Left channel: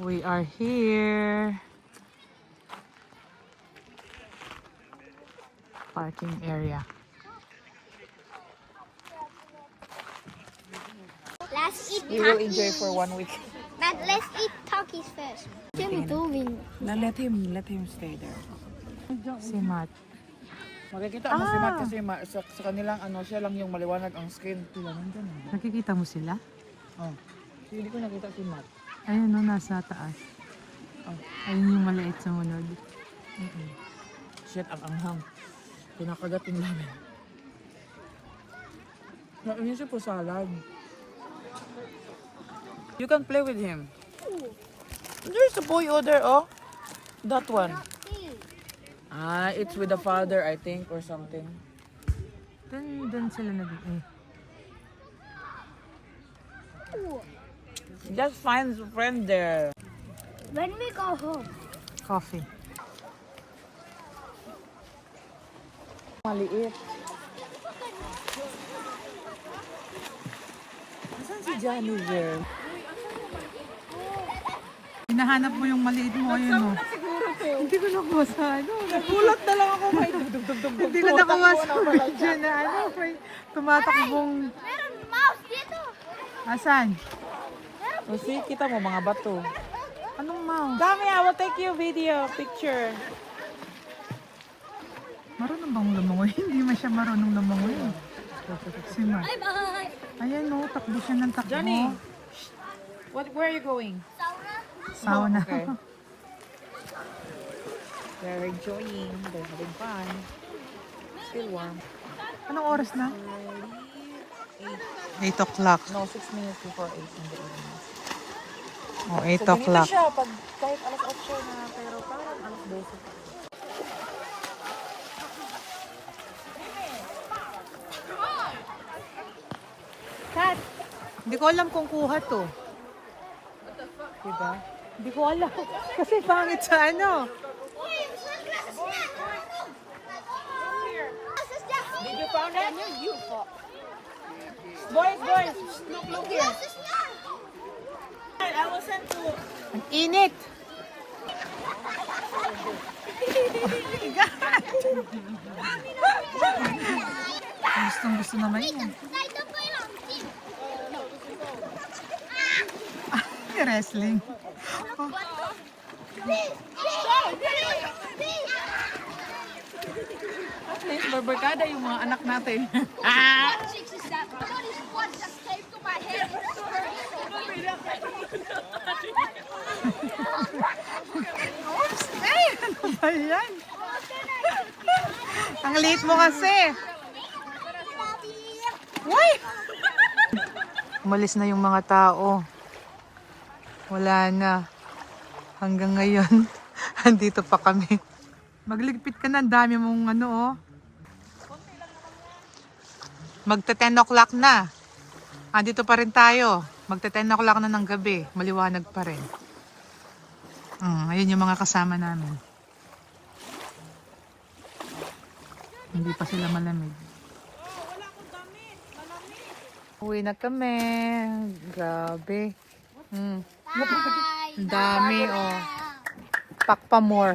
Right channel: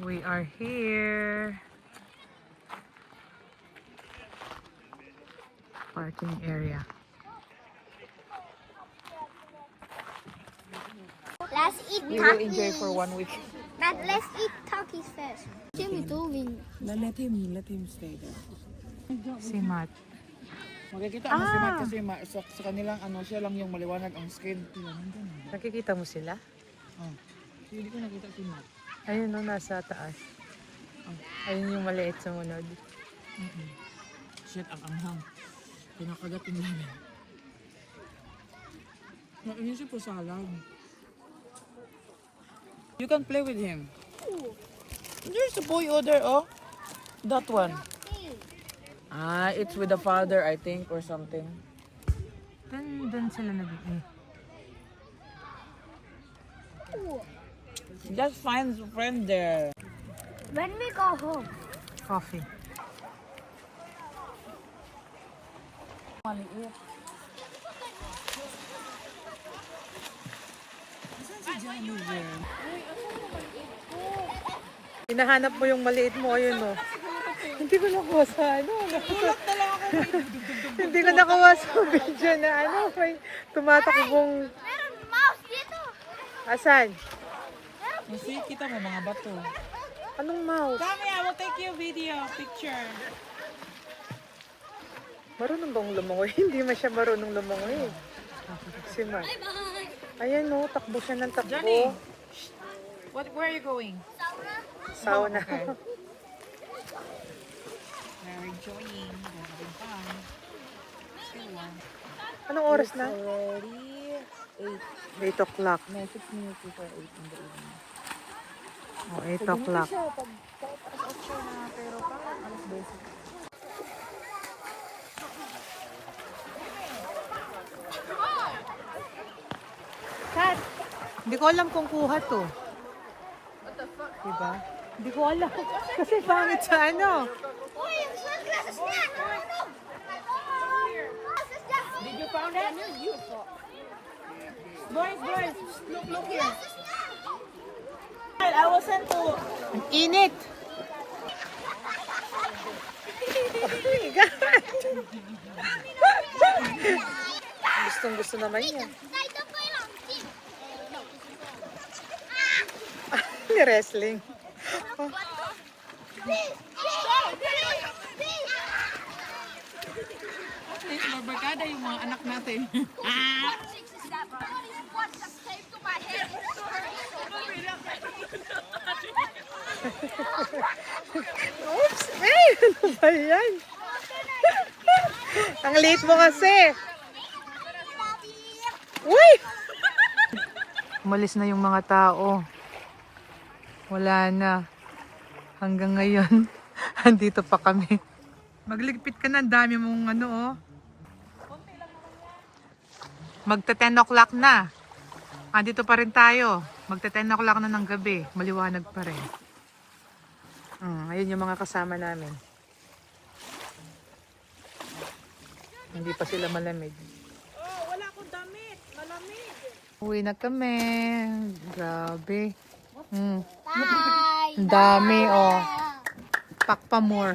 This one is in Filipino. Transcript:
We are here. Parking area. Let's eat We will Takis. enjoy for 1 week. But let's eat Takis first. Jimmy doing. Na let him stay there. Si Matt. Makikita mo si Matt kasi sa kanilang siya lang yung maliwanag ang skin. Sila nandun. Nakikita mo sila? Oh. Hindi ko nakita si Matt. Ayun no, nasa taas. Ayun yung maliit sumunod. Shit, ang anghang. Pinakagat yung lamin. Yun siya po salad. You can play with him. There's a boy over there, oh. That one. It's with the father, I think, or something. Dun sila Just find a friend there. When we go home. Coffee. Maliit. Saan si Johnny there? Hinahanap mo yung maliit mo, ayun no. Hindi ko nakuha sa ano. Nagulat na lang ako. May Hindi ko nakuha sa video na ano. May tumatakbong. Meron mouse dito. Asan? Kasi kita mo mga bato. Anong mouse? Dami, I will take you video, picture. Marunong bang lumangoy? Hindi man siya marunong lumangoy. Si Matt. Bye-bye. Ayan no, takbo siya ng takbo. Johnny, where are you going? Sauna. Okay. They're enjoying. They're having fun. Still warm. Anong oras na? Already 8 o'clock. No, 6 minutes before 8 in the evening. Oh, 8 o'clock. Siya, pag kahit alas 8 na, pero parang alas 12. Kat, hindi ko alam kung kuha to. Diba? Hindi ko alam. Kasi pangit sa ano. Did you found it? Boys, look here. I will send to... Ang init. Gustong gusto naman yan. Wrestling. Barbarkada yung mga anak natin. Oops! Eh! Ano ba yan? Ang liit mo kasi. Uy! Umalis na yung mga tao. Wala na. Hanggang ngayon, andito pa kami. Magligpit ka na, ang dami mong ano oh. Magta 10 o'clock na. Andito pa rin tayo. Magta 10 o'clock na ng gabi. Maliwanag pa rin. Ayun yung mga kasama namin. Hindi pa sila malamig. Wala akong damit. Malamig. Uwi na kami. Grabe. Bye. Dami oh. Pack pa more.